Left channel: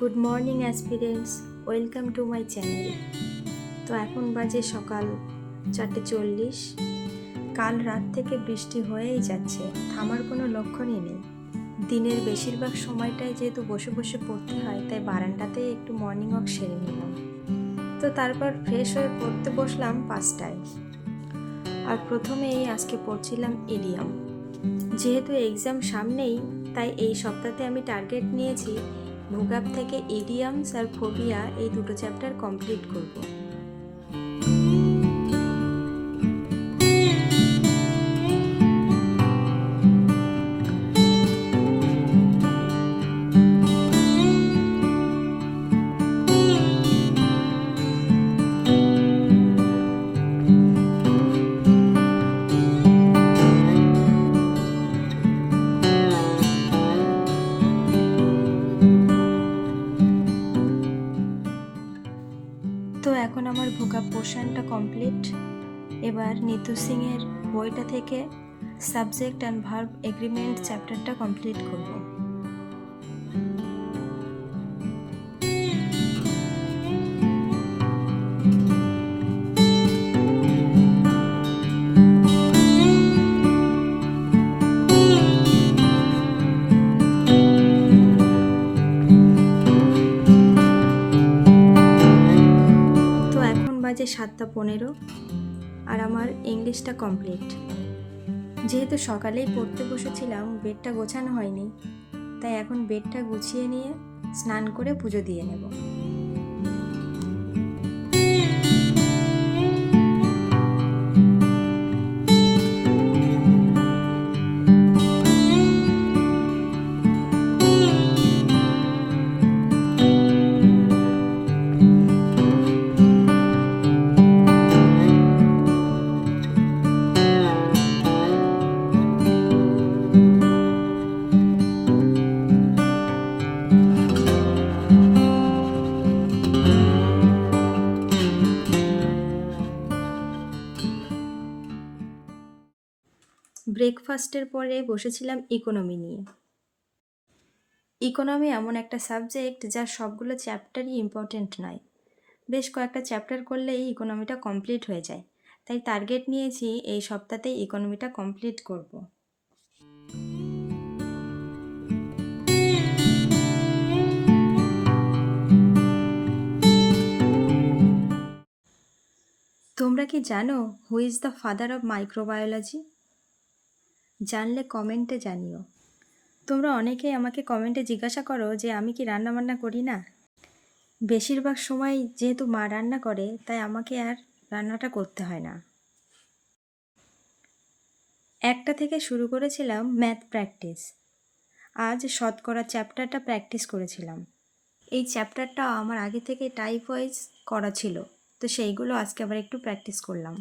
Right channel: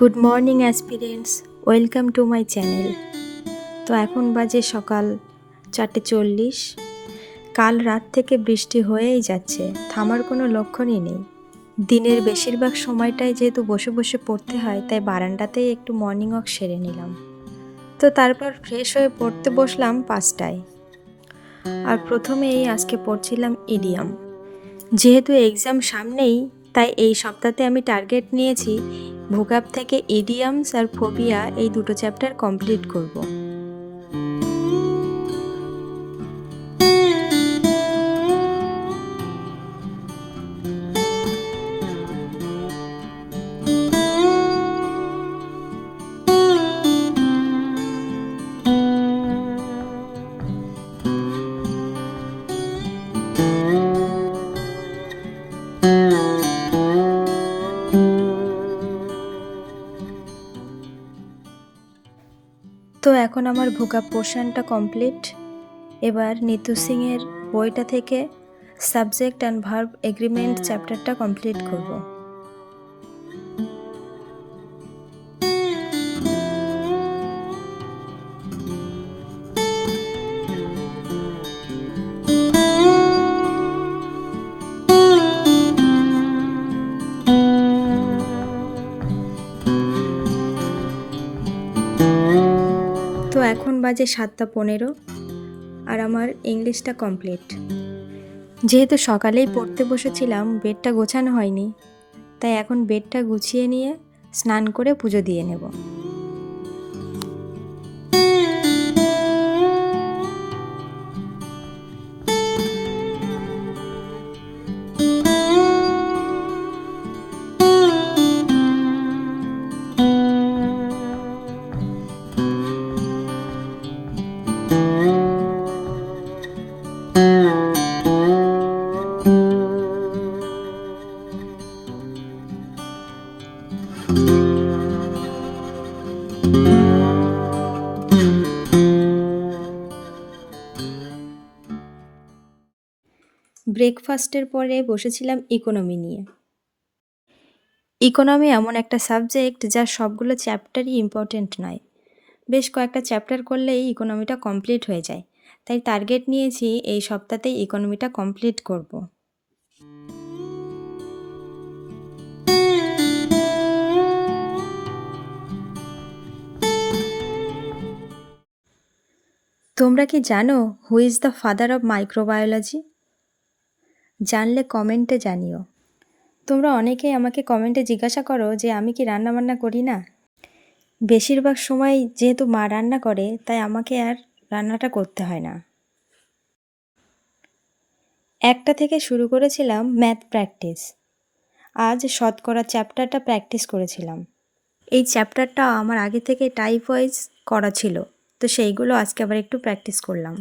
Good morning aspirants, welcome to my channel. তো এখন বাজে সকাল 4:40। কাল রাত থেকে বৃষ্টি হয়েই যাচ্ছে, থামার কোনো লক্ষণই নেই। দিনের বেশিরভাগ সময়টাই যেহেতু বসে বসে পড়তে হয়, তাই বারান্দাতেই একটু মর্নিং ওয়াক সেরে নিলাম। তো তারপর ফ্রেশ হয়ে পড়তে বসলাম 5টায়। আর প্রথমেই আজকে পড়ছিলাম ইডিয়ম। যেহেতু এক্সাম সামনেই, তাই এই সপ্তাহে আমি টার্গেট নিয়েছি ভোকাব থেকে ইডিয়মস আর ফোবিয়া এই দুটো চ্যাপ্টার কমপ্লিট করব। তো এখন আমার ভোকাব পোর্শনটা কমপ্লিট। এবার নিতু সিংয়ের বইটা থেকে সাবজেক্ট অ্যান্ড ভার্ব এগ্রিমেন্ট চ্যাপ্টারটা কমপ্লিট করব। তো এখন বাজে 7:15 আর আমার ইংলিশটা কমপ্লিট। যেহেতু সকালেই পড়তে বসেছিলাম, বেডটা গোছানো হয়নি, তাই এখন বেডটা গুছিয়ে নিয়ে স্নান করে পুজো দিয়ে নেব। ব্রেকফাস্টের পরে বসেছিলাম ইকোনমি নিয়ে। ইকোনমি এমন একটা সাবজেক্ট যার সবগুলো চ্যাপ্টারই ইম্পর্ট্যান্ট নয়। বেশ কয়েকটা চ্যাপ্টার করলেই ইকোনমিটা কমপ্লিট হয়ে যায়, তাই টার্গেট নিয়েছি এই সপ্তাহতেই ইকোনমিটা কমপ্লিট করব। তোমরা কি জানো who is the father of microbiology? জানলে কমেন্টে জানিও। তোমরা অনেকেই আমাকে কমেন্টে জিজ্ঞাসা করো যে আমি কি রান্নাবান্না করি না। বেশিরভাগ সময় যেহেতু মা রান্না করে, তাই আমাকে আর রান্নাটা করতে হয় না। 1টা থেকে শুরু করেছিলাম ম্যাথ প্র্যাকটিস। আজ শতকরা চ্যাপ্টারটা প্র্যাকটিস করেছিলাম। এই চ্যাপ্টারটা আমার আগে থেকে টাইপ ওয়াইজ করা ছিল, তো সেইগুলো আজকে আবার একটু প্র্যাকটিস করলাম।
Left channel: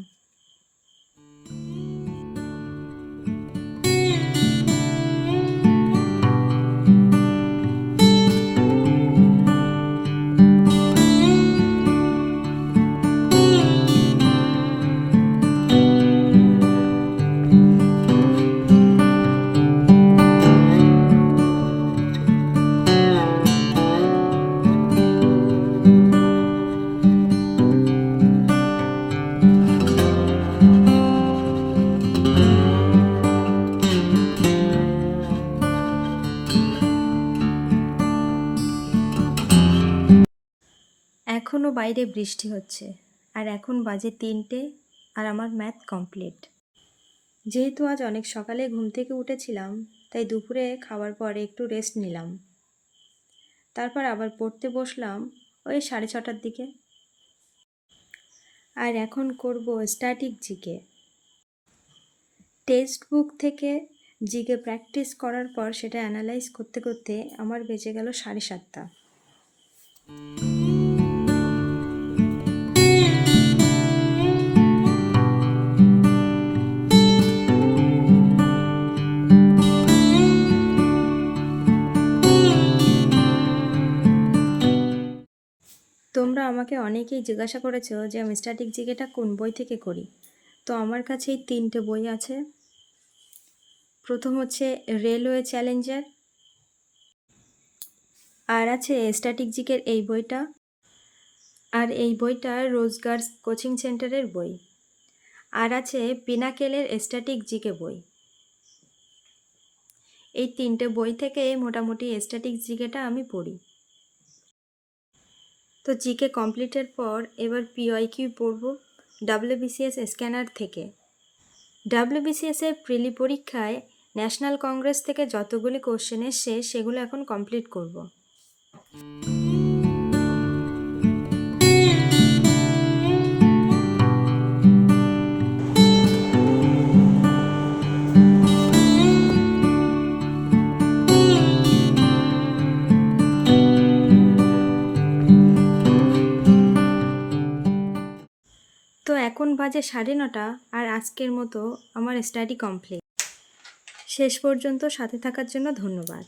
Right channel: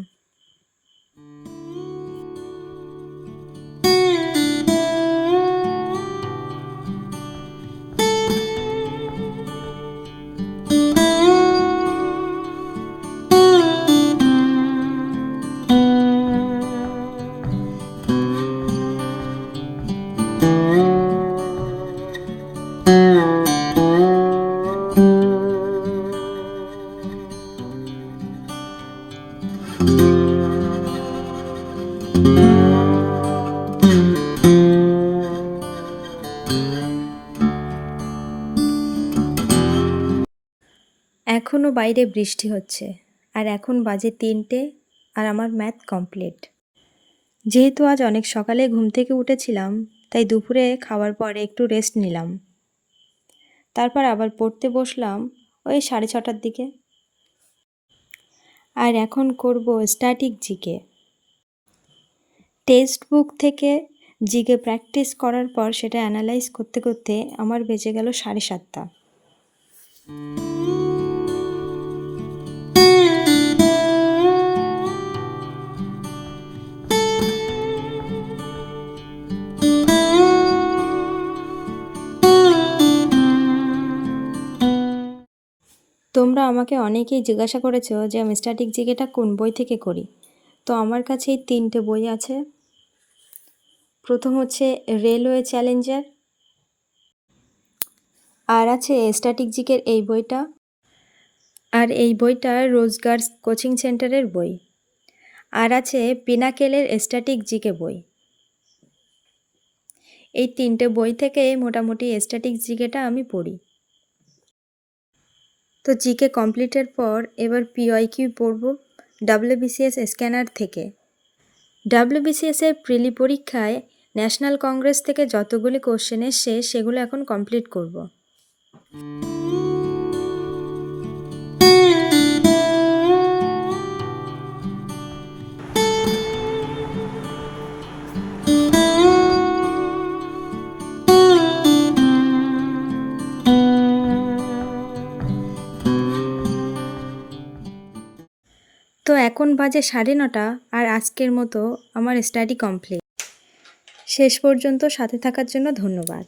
এখনও বাইরে বৃষ্টি হচ্ছে, আর এখন বাজে 3টে, আর আমার ম্যাথ কমপ্লিট। যেহেতু আজ অনেক সকালে ঘুম থেকে উঠেছিলাম, তাই দুপুরে খাওয়ার পরে একটু রেস্ট নিলাম। তারপর আবার পড়তে বসলাম ওই 6:30টার দিকে। আর এখন করব স্ট্যাটিক জিকে। টেক্সট বুক থেকে জিকে প্র্যাকটিস করার পর সেটা অ্যানালাইজ করতে করতে আমার বেজে গেল 7:30। তোমরা আমাকে অনেকেই জিজ্ঞাসা করেছো যে আমি স্ট্যাটিক জিকেটা কোন বই থেকে করি। তো আমার কাছে এই 3টে বই আছে। প্রথম হচ্ছে রেলওয়ে চ্যালেঞ্জার, আর আছে স্ট্যাটিক জিকের এই বইটা, আর এই বইটা রোজগার কোচিং সেন্টারের বই। আর আছে পিনাকেলের স্ট্যাটিক জিকে বই। এই 3টে বই থেকে মোটামুটি স্ট্যাটিক জিকেটা আমি পড়ি। তো জিকে কমপ্লিটের পর এবার পিওয়াইকিউ পড়ব WBCS স্ক্যানার থেকে। WBCS এর প্রিলি পরীক্ষায় ন্যাশনাল কংগ্রেস থেকে যতগুলি কোশ্চেন এসছে সেগুলো এখন কমপ্লিট করব। তো এখন বাজে 9:30 আর আজকের মতো আমার স্টাডি কমপ্লিট। শেষ পর্যন্ত সাথে থাকার জন্য ধন্যবাদ।